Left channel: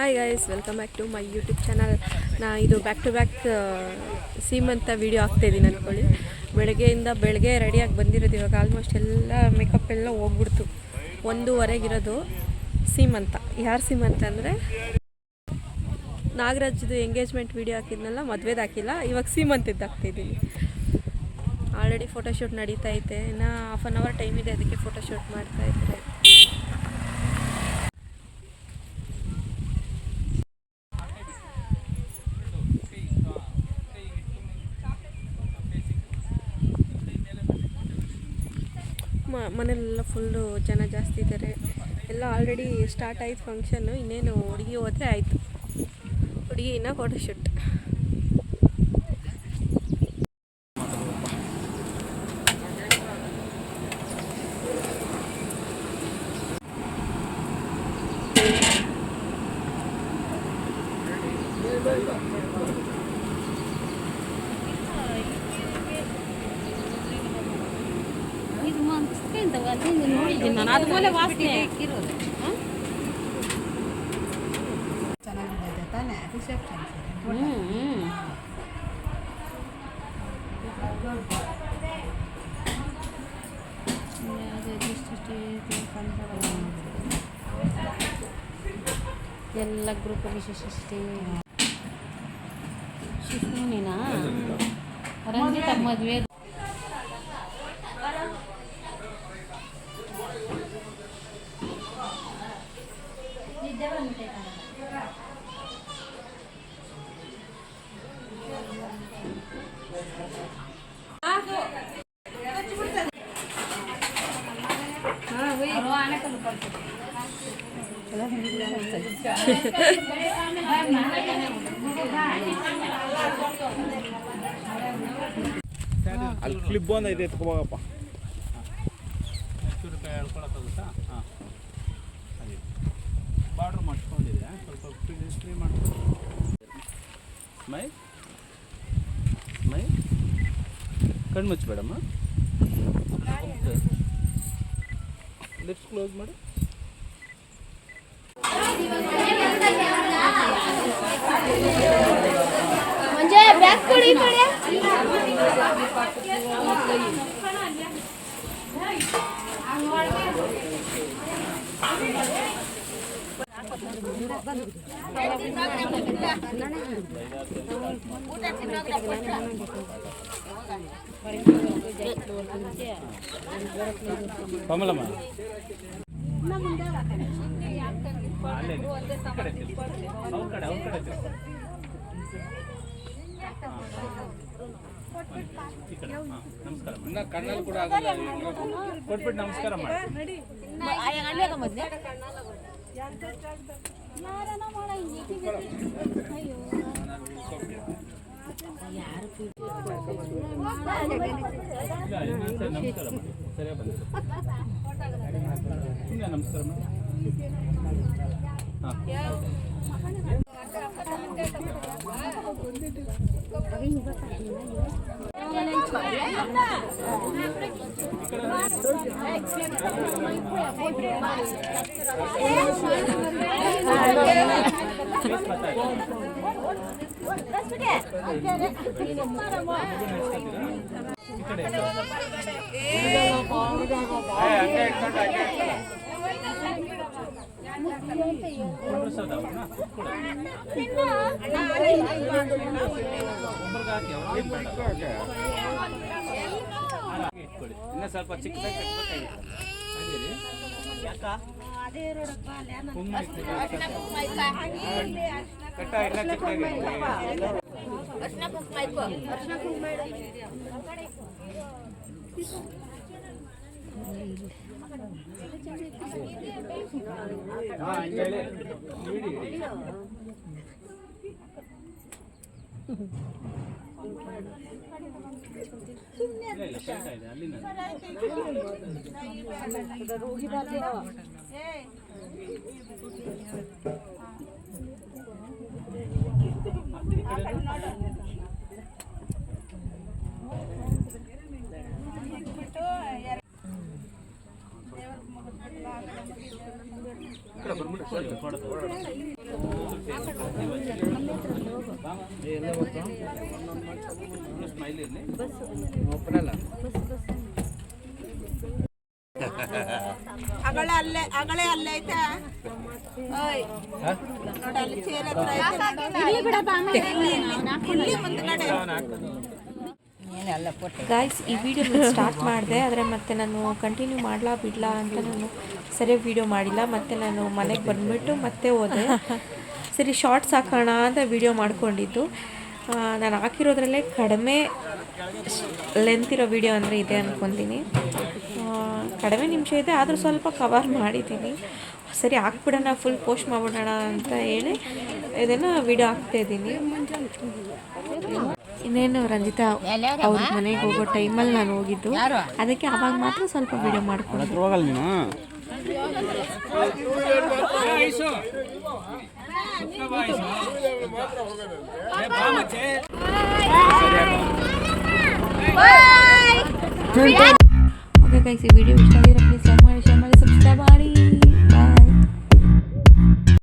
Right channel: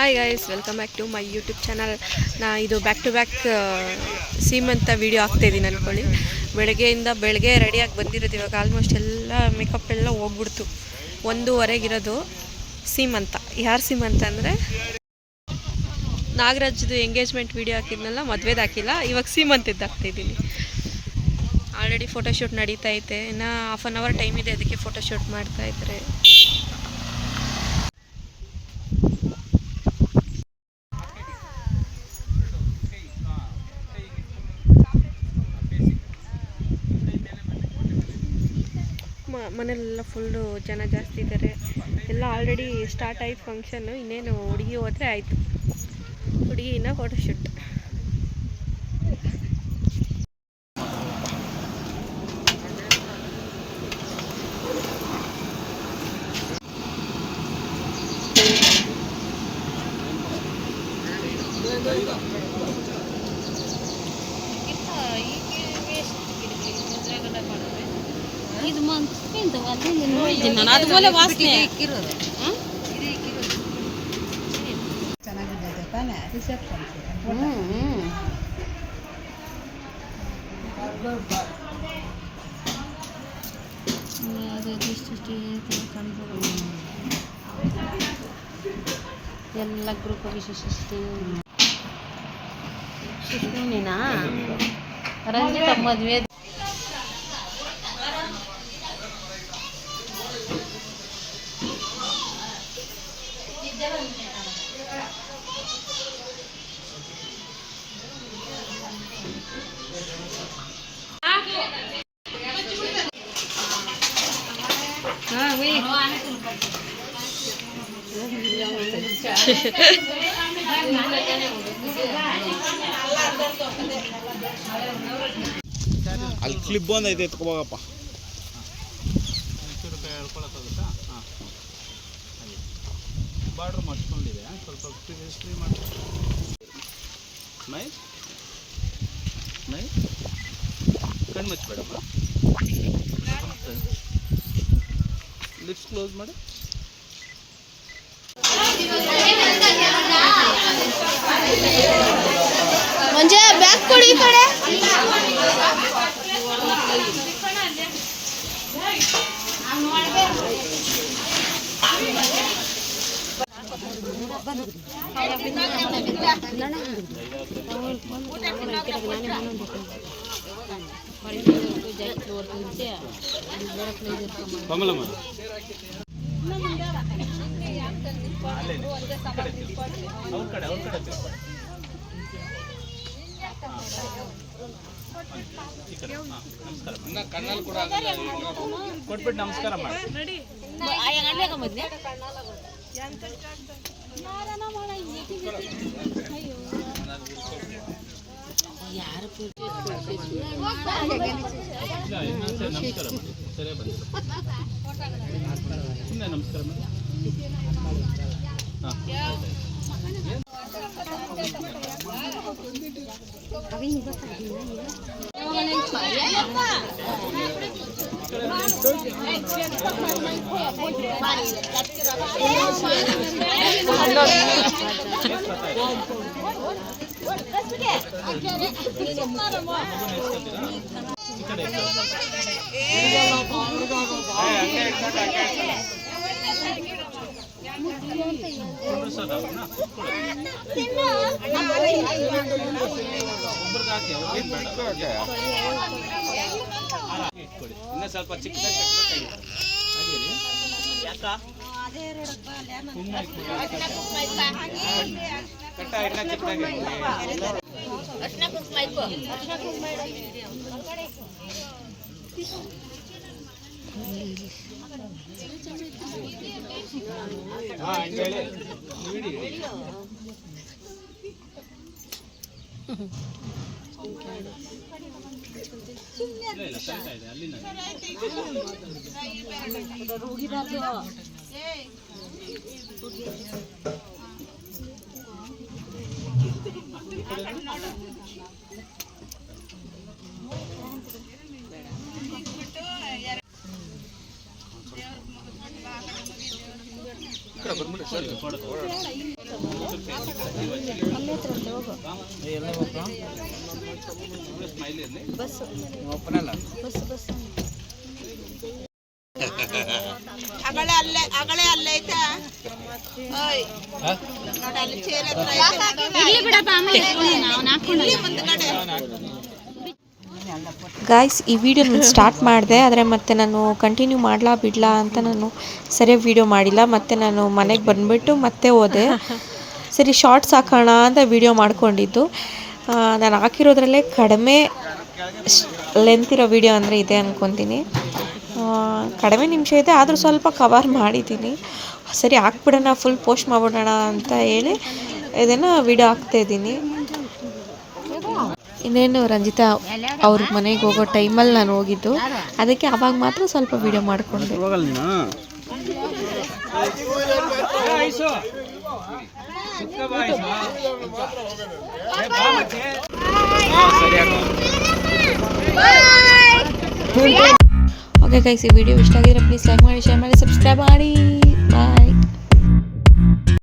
Hi guys, welcome back to my YouTube channel. ಇದು back to back ಸೀಮಂತ video ಆಗ್ತಾಯಿದ್ದೀನಿ ಅಂದ್ಕೊಳ್ಳಿ. ಬೆಳಗ್ಗೆ ರೆಡಿಯಾಗಿ ಬಂದಿರೋದು. ಇವಾಗ ಆಲ್ಮೋಸ್ಟ್ ಎಲ್ಲ ಮೇಕಪ್ ಎಲ್ಲ ಹೋಗ್ಬಿಡ್ತು. 1:15 ಸೀಮಂತ. ಯಾರು ಸೀಮಂತ ಅಂದರೆ ನಾಗರಾಜ್ದು ಎಂಗೇಜ್ಮೆಂಟ್ ವೀಡಿಯೋ ಹಾಕಿದ್ನಲ್ಲ, ಮದುವೆದು ಹಾಕಿಲ್ಲ. ಇವಾಗ ಸೀಮಂತದ್ದು ಹಾಕ್ತಾಯಿದ್ದೀನಿ. ಆಲ್ರೆಡಿ ಫೋಟೋಶೂಟ್ ನಡೀತಾ ಐತೆ. ಇನ್ನು ಹಾಫ್ ಆನ್ ಅವರ್ ಟೈಮ್ ಇದೆ, ಅದಕ್ಕೆ ಫೋಟೋಶೂಟ್ ಮಾಡ್ತಾಯಿದ್ದಾರೆ. ಮನೆಯಲ್ಲೆಲ್ಲ ಫುಲ್ಲು ಜನ ಜಾಸ್ತಿ ಇದ್ದಾರೆ. ಎಲ್ಲ ಆಲ್ರೆಡಿ ಸ್ಟಾರ್ಟ್ ಆಯ್ತು ಫಂಕ್ಷನ್ನು. ಇನ್ನೇನು ಹುಡುಗಿ ಹೋದರೆ ಆಯಿತು. ಹುಡುಗಿನ ಫೋಟೋಶೂಟ್. അതുപോലെ വാസನೆ ಎಲ್ಲ ಗ್ರೂಪ್ ವಿಶೇಷ ಶಿಶುನಿನ ರಂಜಿತ ಮದುವೆ ಅಲ್ಲಿ ಕ್ಲಿಪ್ ಬಂದೈತೆ, ಎತ್ಕೋಬೋಗಪ್ಪ. ಬಾರ್ಡ್ರ್ ಮಾಡಿಸ್ಕೊಂಡಿದೆ, ಸ್ವಲ್ಪ ಫ್ರೀ ಮಾಡಿ. ಮೈ ಕಣ್ಣು ಮುಚ್ಚಬೇಡಮ್ಮ. ಲಿಪ್ಸ್ ಕ್ಲೋಸ್ ಮಾಡಿ. ಮುಂಜೆ ಬ್ಯಾಗ್ ಕೊಡಿ ಈ ಕಡೆ. ಕಮಲಮ್ಮ ಕಣ್ಣಲ್ಲಿ ಕೂಡ ಕೊಟ್ಬಿಟ್ಟು ನಮಸ್ಕಾರ ಮಾಡಿ. ನಮಸ್ಕಾರ ಮಾಡಿ. ಸರಿಯಾಗಿ ಬಂದಿಲ್ಲ. ಸುಮ್ಮನೆ ನಮಸ್ಕಾರ ಮಾಡಿ. ಇನ್ನ ಸ್ವಲ್ಪ ಚಿಕ್ಕದಾಗಿ ಯಾಕ ಕಟ್ಟ ಎಲ್ಲ ಚಿಕ್ಕದಾಗಿ ಹೇಳಿ ಇಲ್ಲ ಕರೆಕ್ಟ್ ಇದೆ ಅಲ್ಲಿಂದ. ಗಾಯ್ಸ್, ಈ ವಿಡಿಯೋ ನಾನು ಸ್ಟಾರ್ಟ್ ಮಾಡಿದೆ, ಆದರೆ ಮತ್ತೆ ನಾನು ಕಂಟಿನ್ಯೂ ಮಾಡಲಾ ಬಿಡಲಾ ಅಂತ ನಾನು ಸರಿಯಾಗಿ ವಿಡಿಯೋ ಮಾಡಿಲ್ಲ. ಮತ್ತು ನಾನು ಮನೆಗೆ ಬಂದುಬಿಟ್ಟು ಮತ್ತೆ ಹೋದೆ. ಸರಿ ಶಾರ್ಟ್ಸ್ ಹಾಕೋಣ ಅಂತ ವಿಡಿಯೋ ಮಾಡ್ಕೊಂಡಿದ್ದು. ನಾನು ಹಾಕಿರೋದ್ರಲ್ಲೇ ಕಡಿಮೆ ಲೆಂತ್ ಇರೋ ವಿಡಿಯೋ ಅಂದರೆ ಇದೆ ಅಂದ್ಕೊತೀನಿ. ಕಡಿಮೆ ನಿಮಿಷ ಇದೆ, ಆದರೂ ಸ್ವಲ್ಪ ಕವರ್ ಮಾಡಿದ್ದೀನಿ. ಸರಿ ಹಾಕ್ಬಿಡೋಣ, ಫುಲ್ ಪೋಸ್ಟ್ ಮಾಡಿಬಿಡೋಣ ಅಂತ ಹೇಳಿ ಇದನ್ನು ವಿಡಿಯೋ ಹಾಕ್ತಾಯಿದ್ದೀನಿ. ಇನ್ನೇನು ರಂಜಿತಾ ಅವ್ರ ಮನೆಗೆ ಹೋಗೋ ಟೈಮಲ್ಲಿ ನಾನು ಹೋಗಿದ್ದು, ಅದಕ್ಕೆ ಆವಾಗ ಮಾತ್ರ ಸ್ವಲ್ಪ ವಿಡಿಯೋ ಮಾಡಿಕೊಂಡು. ಓಕೆ ಗೈಸ್, ಈ ವಿಡಿಯೋ ಇಷ್ಟ ಆಗಿದ್ರೆ ಪ್ಲೀಸ್ ಲೈಕ್ ಮಾಡಿ.